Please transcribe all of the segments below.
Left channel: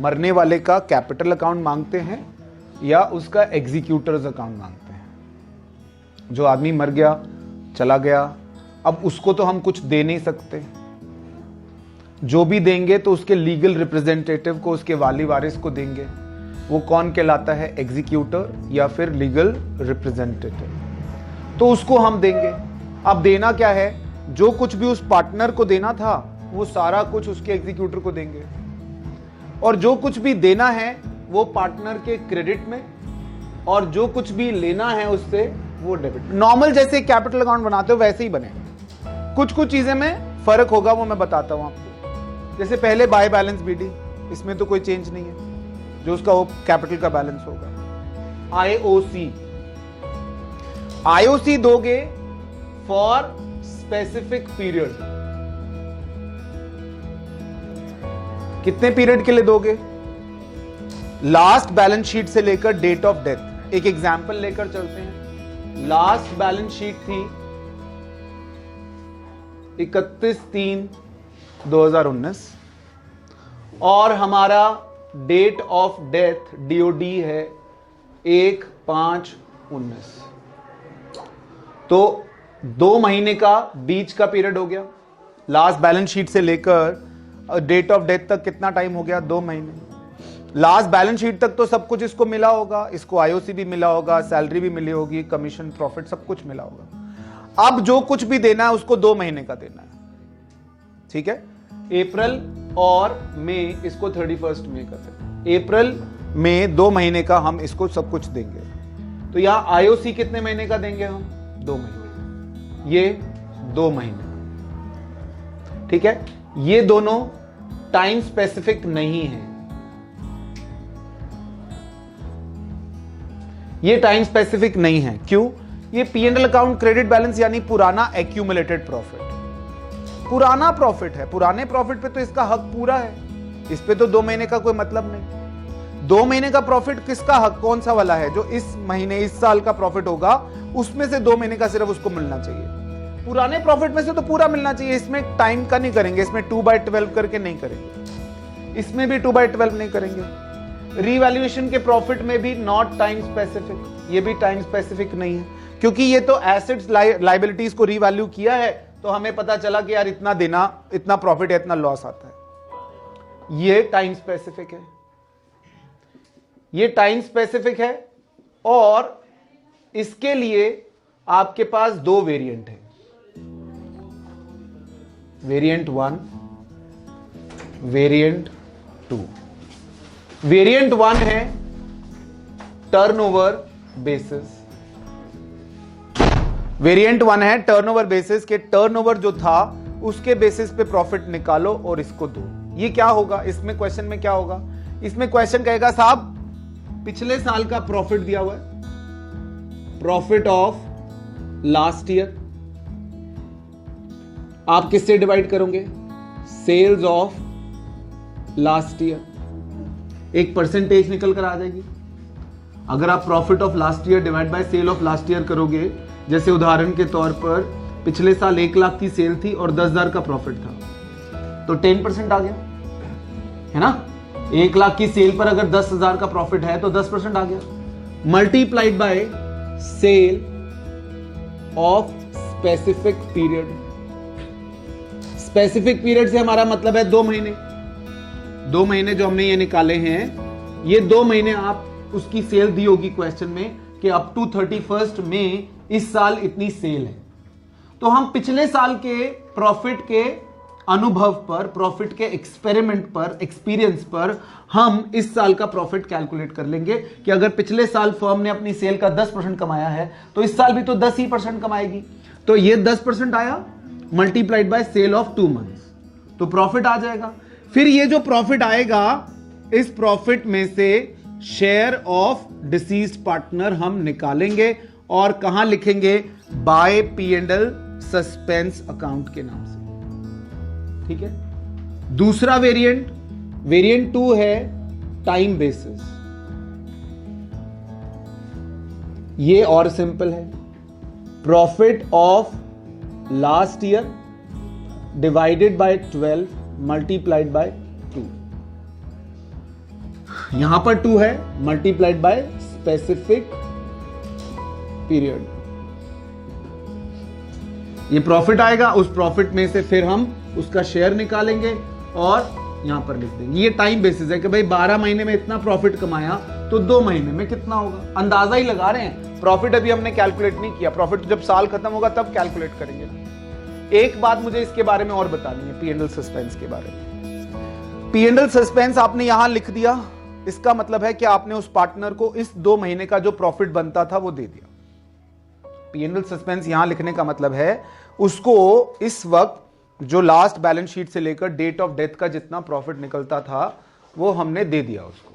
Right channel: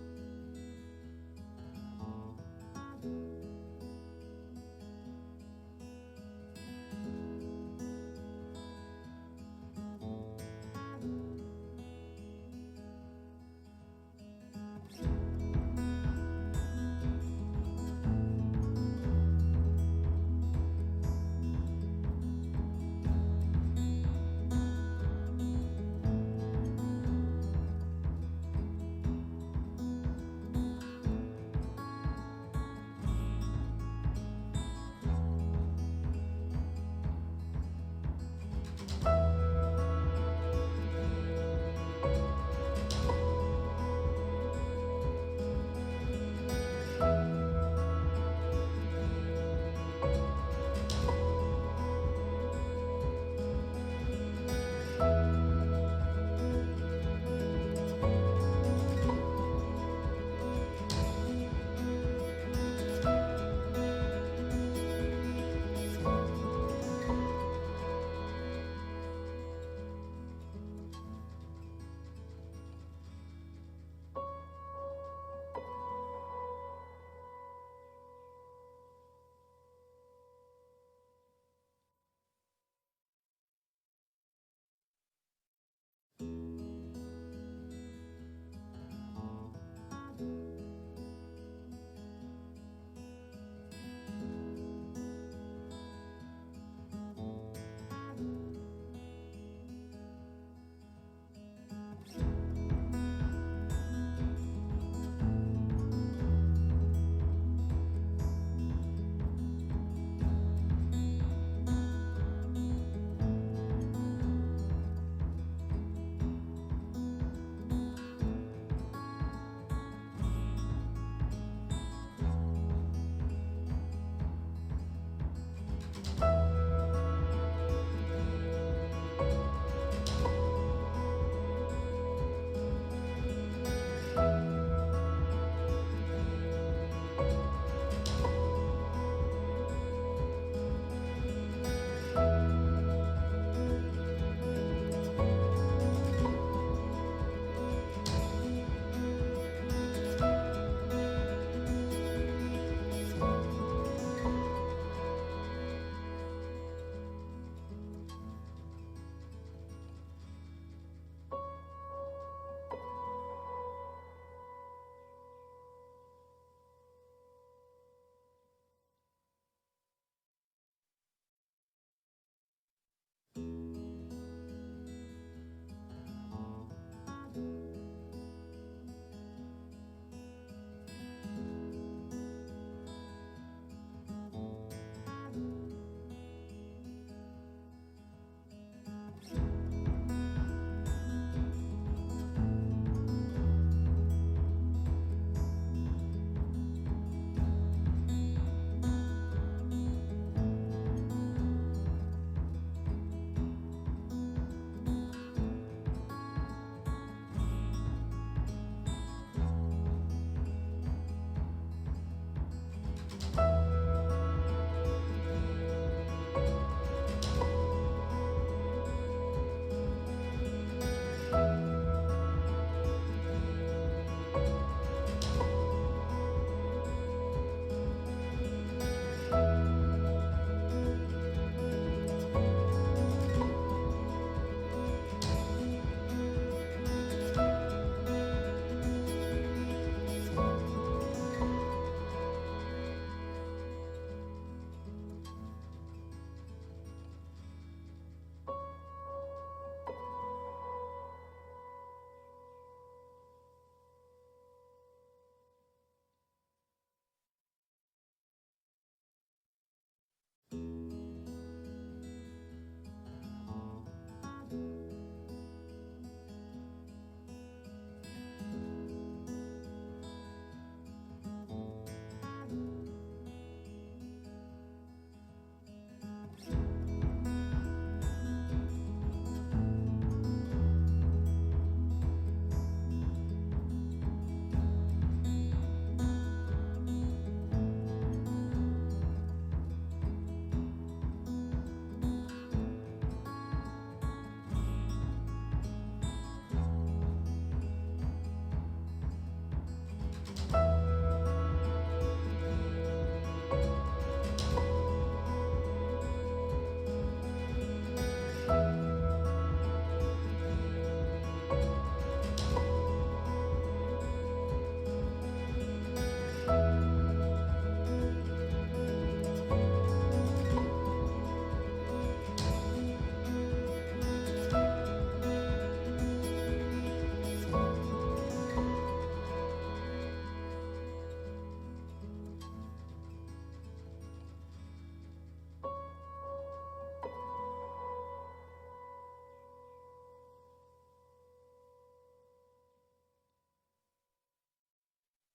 मरने वाले का कैपिटल अकाउंट मांगते हैं या उसका एग्जीक्यूटर्स अकाउंट मांगते हैं। जो आदमी मर गया, चला गया, अब उसको तो हम कुछ दे नहीं सकते, जो भी देंगे तो उसके लीगल रिप्रेजेंटेटिव को, उसके वाली वारिस को देंगे। वो कौन कहलाता है? एग्जीक्यूटर या फिर लीगल रिप्रेजेंटेटिव। तो उसको हम देंगे। अब देना क्या है? जो कुछ भी उस पार्टनर को देना था वो सारा कुछ उसके एग्जीक्यूटर को देंगे, और जो कुछ भी देना है वो पार्टनर के क्रेडिट में, और जो कुछ भी लेना है उससे वो डेबिट। नॉर्मल जैसे कैपिटल अकाउंट बनाते हो वैसे ही बने। कुछ कुछ चीजें में फर्क होगा, वो मैं बताता हूं आपको। जैसे पहले बाय बैलेंस बीडी, इसमें तो कोई चेंज नहीं है, जो उसका वो कैपिटल का बैलेंस होगा। आईओसी दोगे फॉर स्पेसिफिक पीरियड। कितने पीरियड के लिए दोगे? लास्ट बैलेंस शीट से लेकर डेट ऑफ डेथ। एक एग्जांपल लेकर चलते हैं। लास्ट बैलेंस शीट थी 31/3/2019 और हमारा डेट ऑफ डेथ डीओडी है 1/5/19। तो 2 महीने का बीच का पीरियड हो गया। लास्ट बैलेंस शीट से लेकर डेट ऑफ डेथ तक कितना टाइम हो गया? 2 महीने। लास्ट बैलेंस शीट तक तो सब कुछ इसको मिला होगा, इसको आईओसी भी मिला होगा, सैलरी भी मिली होगी, कमीशन, प्रॉफिट सब कुछ मिला होगा। अब जो कुछ भी देना है उसको 2 महीने का देना है। ठीक है? अप्रैल और मई, इसको 31 मई का देना। अप्रैल में 2 महीने का हम इसको सब कुछ देंगे। तो यहां आईओसी कितने महीने का देंगे हम? 2 महीने। ये 2 महीने। ठीक है? ये दोनों टाइम स्पेसिफिक नहीं है। ये टाइम स्पेसिफिक नहीं है। क्यों? ये P&L अकाउंट क्रेडिट बैलेंस यानी पुराना एक्यूमुलेटेड प्रॉफिट, पुराना प्रॉफिट है। पुराने प्रॉफिट पे तो इसका हक पूरा है, इस पे तो 2 महीने का कोई मतलब नहीं। 2 महीने का प्रॉफिट किसका हक, कौन सा वाला है? जो इस महीने, इस साल का प्रॉफिट होगा उसमें से 2 महीने का सिर्फ उसको मिलना चाहिए। पुराने प्रॉफिट में से तो पूरा मिलना चाहिए। इसमें टाइम का नहीं करेंगे, इसमें 2/12 करके नहीं करेंगे, इसमें भी 2/12 नहीं करेंगे। रीवैल्यूएशन के प्रॉफिट में भी नॉट टाइम स्पेसिफिक, ये भी टाइम स्पेसिफिक नहीं है, क्योंकि ये तो एसेट्स लायबिलिटीज को रीवैल्यू किया है तो हमें पता चला कि यार इतना देना, इतना प्रॉफिट है, इतना लॉस आता है। ये टाइम स्पेसिफिक है, ये टाइम स्पेसिफिक है। और इसके लिए आपके पास 2 वेरिएंट है, वेरिएंट 1, वेरिएंट 2। वेरिएंट 1 है टर्नओवर बेसिस। वेरिएंट 1 है टर्नओवर बेसिस के टर्नओवर जो था उसके बेसिस पे प्रॉफिट निकालो और इसको दो। ये क्या होगा? इसमें क्वेश्चन में क्या होगा? इसमें क्वेश्चन कहेगा साहब पिछले साल का प्रॉफिट दिया हुआ है, प्रॉफिट ऑफ लास्ट ईयर, आप किससे डिवाइड करोगे? Sales of last year. एक परसेंटेज निकल कर आ जाएगी। अगर आप profit of last year divide by sale of last year करोगे, जैसे उदाहरण के तौर पर पिछले साल 1 लाख की सेल थी और 10,000 का प्रॉफिट था, तो 10% आ गया, है ना? 1 लाख की सेल पर अगर 10,000 का प्रॉफिट है तो 10% आ गया, multiplied by sale of specific period. Specific period से हमारा मतलब है 2 महीने। 2 महीने जो हमने ये निकाले हैं, ये 2 महीने आप उसकी सेल दी होगी क्वेश्चन में कि अप टू 31 मई इस साल इतनी सेल है। तो हम पिछले साल के प्रॉफिट के अनुभव पर, प्रॉफिट के एक्सपेरिमेंट पर, एक्सपीरियंस पर हम इस साल का प्रॉफिट कैलकुलेट कर लेंगे कि अगर पिछले साल फर्म ने अपनी सेल का 10% कमाया है तो इस साल भी तो 10% कमाएगी। तो ये 10% आया multiplied by sale of 2 months, तो प्रॉफिट आ जाएगा। फिर ये जो प्रॉफिट आएगा, इस प्रॉफिट में से शेयर ऑफ डिसीज्ड पार्टनर हम निकालेंगे और कहां लिखेंगे? बाय P&L सस्पेंस अकाउंट के नाम से। ठीक है? दूसरा वेरिएंट, वेरिएंट 2 है टाइम बेसिस। ये और सिंपल है, profit of last year divided by 12 multiplied by 2। यहां पर 2 है मल्टीप्लाइड बाय स्पेसिफिक पीरियड, ये प्रॉफिट आएगा। उस प्रॉफिट में से फिर हम उसका शेयर निकालेंगे और यहां पर लिख देंगे। ये टाइम बेसिस है कि भाई 12 महीने में इतना प्रॉफिट कमाया तो 2 महीने में कितना होगा, अंदाजा ही लगा रहे हैं। प्रॉफिट अभी हमने कैलकुलेट नहीं किया, प्रॉफिट जब साल खत्म होगा तब कैलकुलेट करेंगे। एक बात मुझे इसके बारे में और बतानी है, पी एंड एल सस्पेंस के बारे में। पी एंड एल सस्पेंस आपने यहां लिख दिया, इसका मतलब है कि आपने उस पार्टनर को इस 2 महीने का जो प्रॉफिट बनता था वो दे दिया। पी एंड एल सस्पेंस यहां लिखने का मतलब है उसको इस वक्त जो लास्ट बैलेंस शीट से लेकर डेट ऑफ डेथ का जितना प्रॉफिट निकलता था वो हमने दे दिया उसको।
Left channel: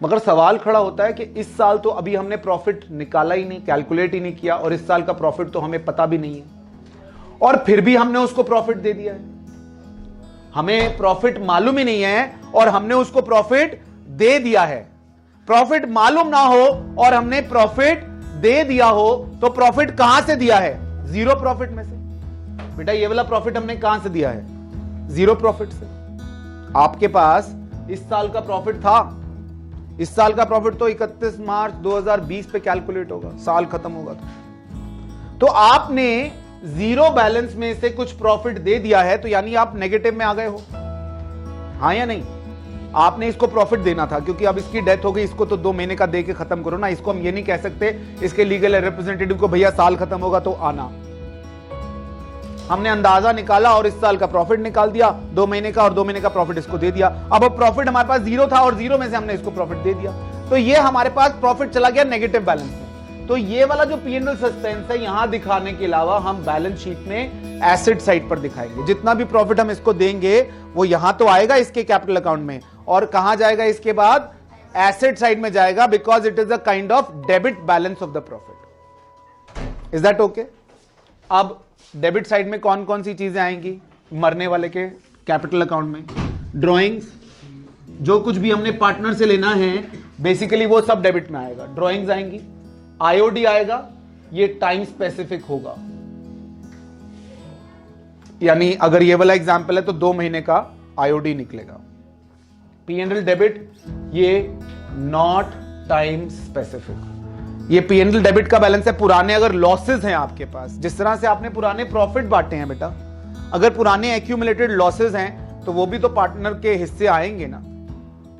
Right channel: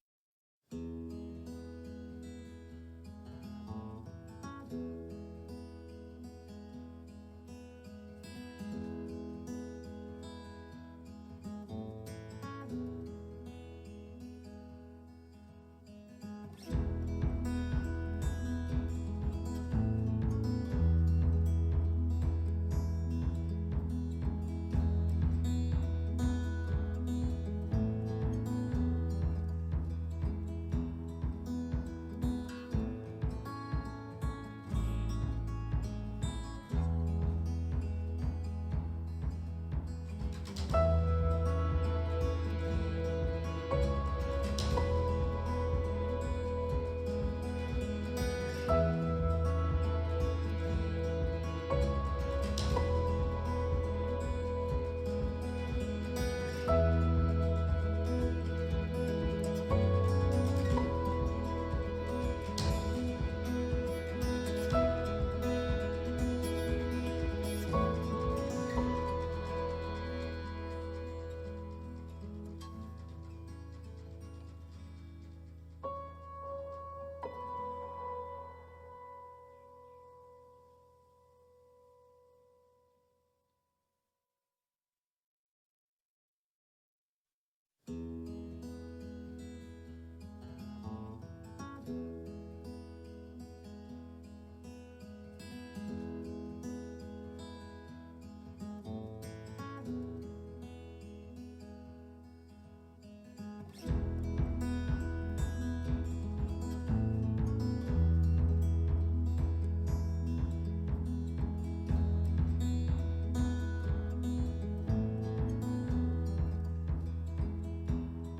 मगर सवाल खड़ा होता है कि इस साल तो अभी हमने प्रॉफिट निकाला ही नहीं, कैलकुलेट ही नहीं किया, और इस साल का प्रॉफिट तो हमें पता भी नहीं है, और फिर भी हमने उसको प्रॉफिट दे दिया है। हमें प्रॉफिट मालूम ही नहीं है और हमने उसको प्रॉफिट दे दिया है। प्रॉफिट मालूम ना हो और हमने प्रॉफिट दे दिया हो तो प्रॉफिट कहां से दिया है? जीरो प्रॉफिट में से। बेटा ये वाला प्रॉफिट हमने कहां से दिया है? जीरो प्रॉफिट से। आपके पास इस साल का प्रॉफिट था, इस साल का प्रॉफिट तो 31 मार्च 2020 पे कैलकुलेट होगा, साल खत्म होगा तो आपने जीरो बैलेंस में से कुछ प्रॉफिट दे दिया है, तो यानी आप नेगेटिव में आ गए हो, हाँ या नहीं? आपने इसको प्रॉफिट देना था क्योंकि अब इसकी डेथ हो गई, इसको तो 2 महीने का दे के खत्म करो ना। इसको हम ये नहीं कह सकते इसके लीगल रिप्रेजेंटेटिव को भैया साल खत्म होगा तो आना। हमने अंदाजा निकाला और इस साल का प्रॉफिट निकाल दिया, 2 महीने का, और 2 महीने का प्रॉफिट इसको दे दिया। अब प्रॉफिट हमारे पास जीरो था और जीरो में से हमने इसको प्रॉफिट दे दिया, तो ये हमारे पास प्रॉफिट चला गया नेगेटिव बैलेंस में। तो ये वाला जो पी एंड एल सस्पेंस है यहां दिखाने के अलावा हम बैलेंस शीट में एसेट साइड पर दिखाएंगे। जितना भी प्रॉफिट हम इसको देंगे वो यहां तो आएगा इसके कैपिटल अकाउंट में, और कहां जाएगा इसके बाद? एसेट साइड में जाएगा, because it is a kind of debit balance of the profit. Is that okay? अब डेबिट साइड में कौन कौन सी चीजें आएंगी मरने वाले के कैपिटल अकाउंट में? ड्रॉइंग्स, जो कुछ भी हमने पार्टनर से लेना है बेसिकली वो सब डेबिट में आएगा। ड्रॉइंग्स आएंगी, आईओडी आएगा, ये टाइम स्पेसिफिक होगा, यानी अगर ये वाला एग्जांपल है तो 2 महीने का आईओडी निकलेगा। पी एंड एल डेबिट ये नॉट टाइम स्पेसिफिक। ये पी एंड एल डेबिट का बैलेंस है। पुराने अगर लॉसेस हैं आपके पास, जिस तरह से आपने पुराने प्रॉफिट बांटे हैं बेटा, अगर पुराने एक्यूमुलेटेड लॉसेस हैं तो वो भी तो पार्टनर के हिस्से आएंगे ना,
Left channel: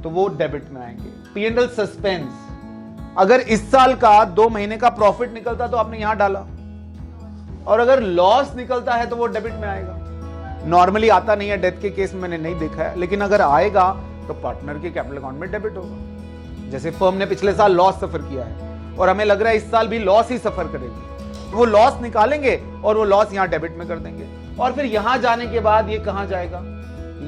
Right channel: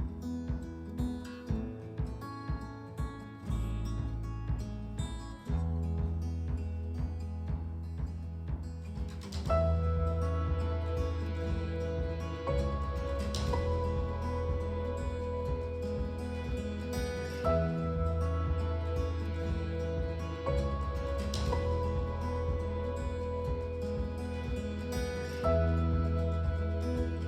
तो वो डेबिट में आएंगे। पी एंड एल सस्पेंस, अगर इस साल का 2 महीने का प्रॉफिट निकलता तो आपने यहां डाला, और अगर लॉस निकलता है तो वो डेबिट में आएगा। नॉर्मली आता नहीं है, डेथ के केस में मैंने नहीं देखा है, लेकिन अगर आएगा तो पार्टनर के कैपिटल अकाउंट में डेबिट होगा। जैसे फर्म ने पिछले साल लॉस सफर किया है और हमें लग रहा है इस साल भी लॉस ही सफर करेगी, तो वो लॉस निकालेंगे और वो लॉस यहां डेबिट में कर देंगे, और फिर यहां जाने के बाद ये कहां जाएगा?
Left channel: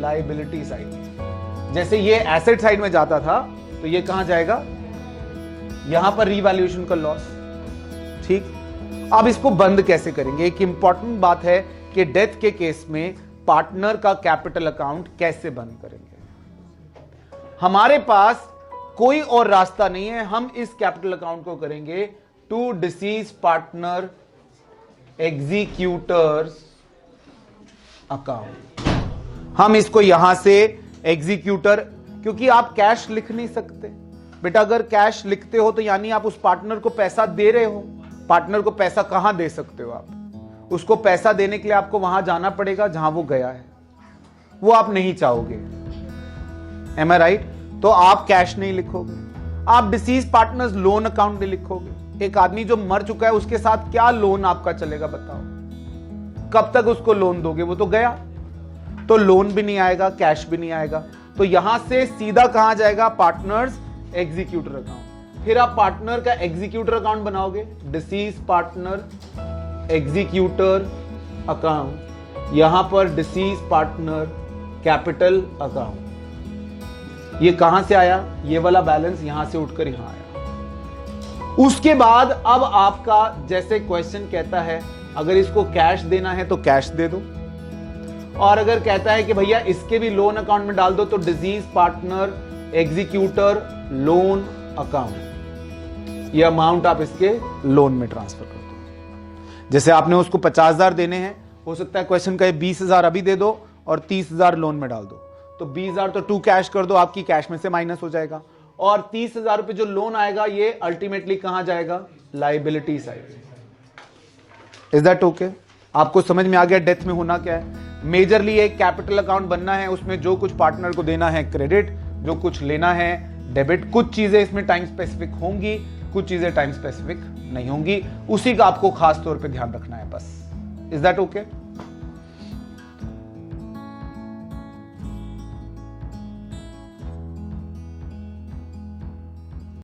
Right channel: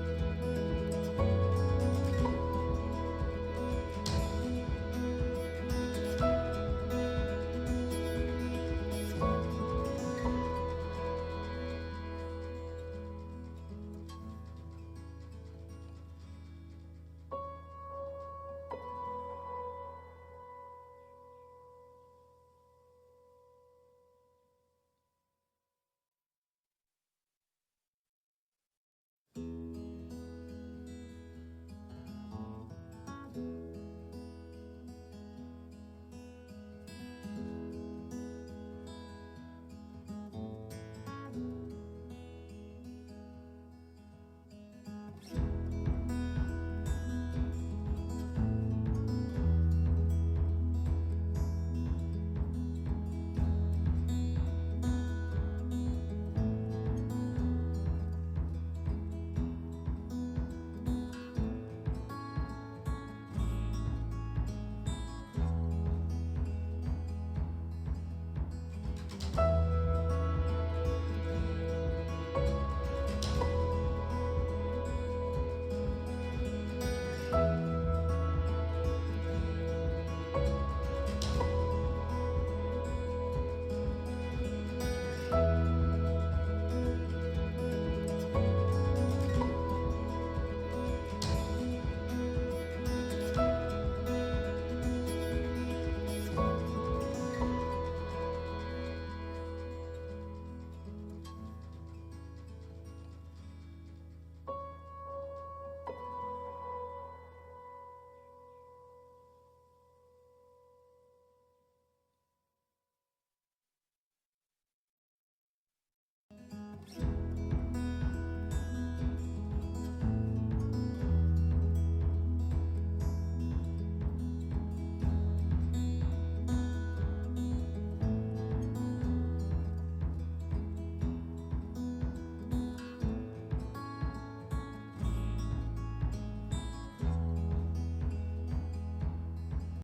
Liability side. जैसे ये एसेट साइड में जाता था तो ये कहां जाएगा? यहां पर रीवैल्यूएशन का लॉस। ठीक, अब इसको बंद कैसे करेंगे? एक इंपॉर्टेंट बात है कि डेथ के केस में पार्टनर का कैपिटल अकाउंट कैसे बंद करेंगे। हमारे पास कोई और रास्ता नहीं है, हम इस कैपिटल अकाउंट को करेंगे to deceased partner executors account. हम इसको यहां से एग्जीक्यूटर, क्योंकि आप कैश लिख नहीं सकते बेटा, अगर कैश लिखते हो तो यानी आप उस पार्टनर को पैसा दे रहे हो। पार्टनर को पैसा कहां दे सकते हो आप? उसको पैसा देने के लिए आपको वहां जाना पड़ेगा जहां वो गया है, वो आप नहीं चाहोगे। एम आई राइट? तो आप कैश नहीं लिखोगे, आप डिसीज पार्टनर्स लोन अकाउंट नहीं लिखोगे। एक आदमी जो मर चुका है उसके साथ क्या लोन आपका चलेगा बताओ? कब तक उसको लोन दोगे? वो तो गया, तो लोन भी नहीं आएगा, कैश भी नहीं आएगा। तो यहां से सीधा कहां जाएगा? Partners executor account. फिर आप पार्टनर का एग्जीक्यूटर अकाउंट बनाओगे, डिसीज पार्टनर एग्जीक्यूटर अकाउंट, यहां पर डिसीज पार्टनर कैपिटल अकाउंट। ये कहां से आया? ये वाला बैलेंस यहां से उठकर यहां आया। उसके बाद अब आपका जैसे क्वेश्चन कहता है, अगर इसको कैश देना है तो कैश दे दो, और अगर कहता है कि भैया इसके भी लोन अकाउंट में डाल दो तो disease partner executor loan account, ये अमाउंट आप इसके लोन में ट्रांसफर कर दो। जैसे आपने उसको 50,000 देने हैं, हो सकता है क्वेश्चन कहे 20,000 अभी दे दो और 30,000 लोन में डाल दो, तो 20,000 तो टू कैश कर दो, आपकी कैश में से माइनस हो जाएगा। और 30,000 रुपए जो लोन आएगा ये अल्टीमेटली कहां जाएगा? Liability side. Is that okay? आपको समझ में आ गया डेथ में होना क्या है? मेजरली एक कैपिटल अकाउंट बनना है, उसमें जो कुछ पार्टनर को देना है क्रेडिट, जो कुछ लेना है डेबिट। कुछ चीजें इसमें टाइम स्पेसिफिक होंगी, कुछ चीजें टाइम स्पेसिफिक नहीं होंगी, उसी का आपको खास तौर पे ध्यान रखना है बस। Is that okay?